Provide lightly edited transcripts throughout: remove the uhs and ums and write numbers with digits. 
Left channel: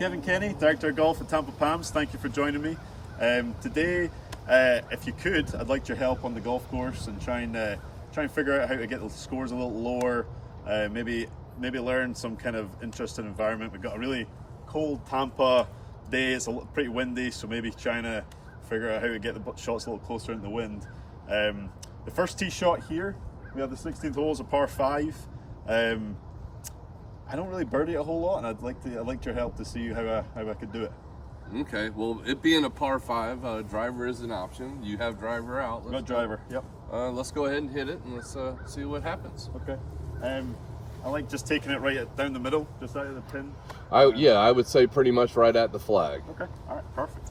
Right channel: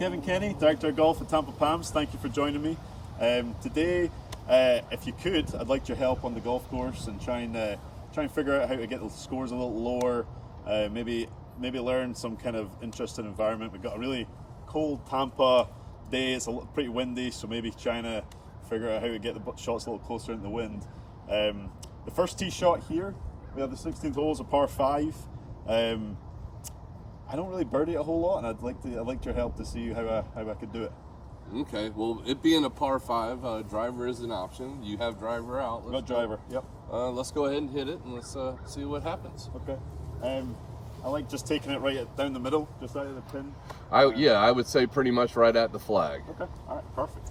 Kevin Kenny, Director of Golf at Tampa Palms. Thank you for joining me. Today, if you could, I'd like your help on the golf course and try and figure out how to get the scores a little lower. Maybe learn some kind of interesting environment. We've got a really cold Tampa day. It's pretty windy, so maybe trying to figure out how to get the shots a little closer in the wind. The first tee shot here, we have the 16th hole as a par 5. I don't really birdie it a whole lot, and I'd like your help to see how I could do it. Okay, well, it being a par 5, driver is an option. You have driver out. Got driver, yep. Let's go ahead and hit it, and let's see what happens. Okay. I like just taking it right down the middle, just out of the pin. Yeah, I would say pretty much right at the flag. Okay, all right, perfect.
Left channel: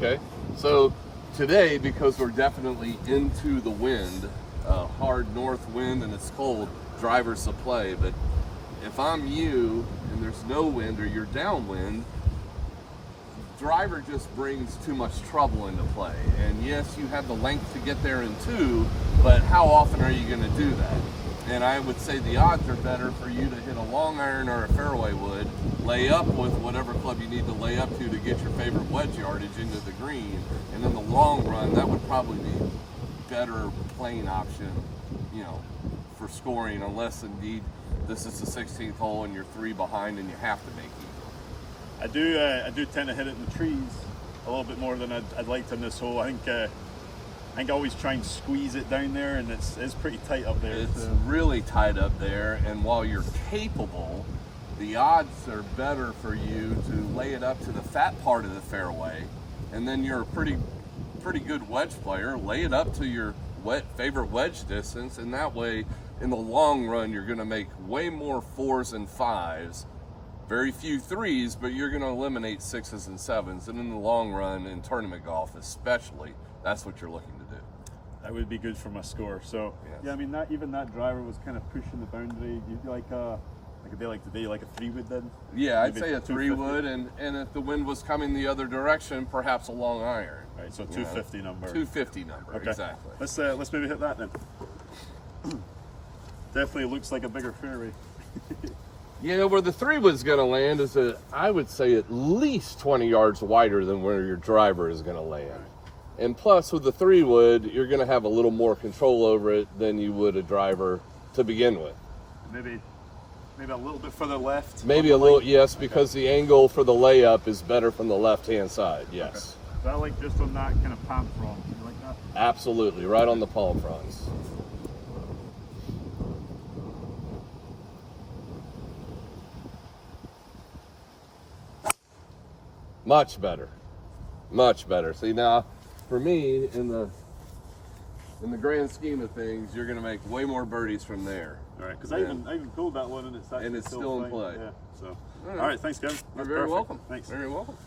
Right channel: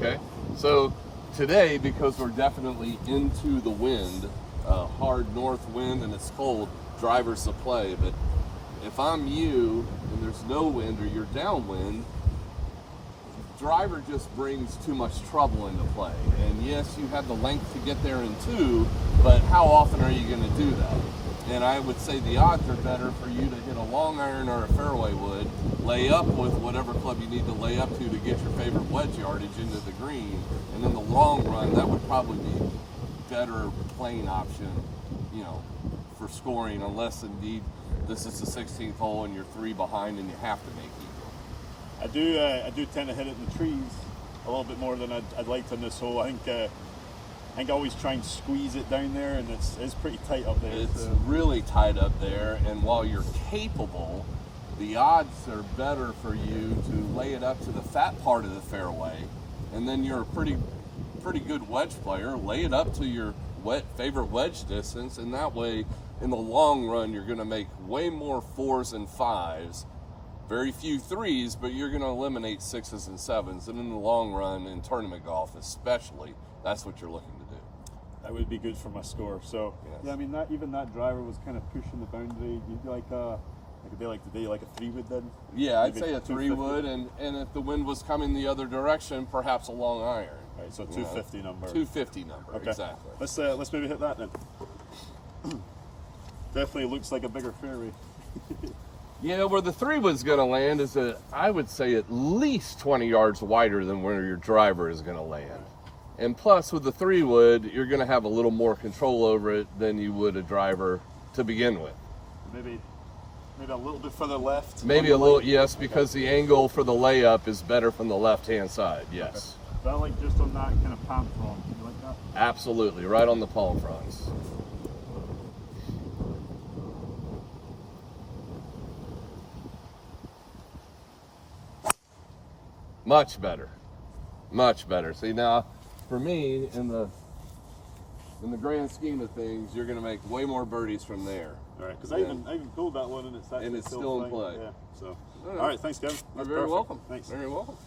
Okay, so today, because we're definitely into the wind, hard north wind, and it's cold, drivers to play. But if I'm you and there's no wind or you're downwind, driver just brings too much trouble into play. And yes, you have the length to get there in 2, but how often are you going to do that? And I would say the odds are better for you to hit a long iron or a fairway wood, lay up with whatever club you need to lay up to get your favorite wedge yardage into the green, and in the long run, that would probably be better playing option, for scoring, unless indeed this is the 16th hole and you're 3 behind and you have to make it. I do tend to hit it in the trees a little bit more than I'd like to in this hole. I think I always try and squeeze it down there, and it's pretty tight up there. It's really tight up there, and while you're capable, the odds are better for you to lay it up to the fat part of the fairway, and then you're a pretty good wedge player. Lay it up to your favorite wedge distance, and that way, in the long run, you're going to make way more 4s and 5s. Very few 3s, but you're going to eliminate 6s and 7s, and in the long run, in tournament golf especially, that's what you're looking to do. That would be good for my score. So yes. Yeah, I mean even that driver was kind of pushing the boundary. You like a day like today, like a 3-wood then? Yeah, I'd say a 3-wood, and if the wind was coming the other direction, perhaps a long iron. Right, so 250 number. 250 number, okay. Exactly. Let's maybe hit that then. Definitely looks like a bigger fairway. Yeah, where the 3-wood's going to land is I would say at least 20 yards wider than where your driver is going to land. And plus, with the 3-wood, you're going to have a little more control over it than you would a driver to begin with. Maybe a little bit further left. Maybe a little, yes, because the angle for the layup is better from the left-hand side, yes. Okay. That like just on that kind of palm front, you like that? Absolutely, right on the palm fronts. Much better, much better. See now, for me, in the grand scheme of things, you're going to make way more birdies from there. All right, because I even pulled that one and it's still in play. Yeah. So, all right, thanks, Kevin. You're very welcome. Thanks. Very welcome.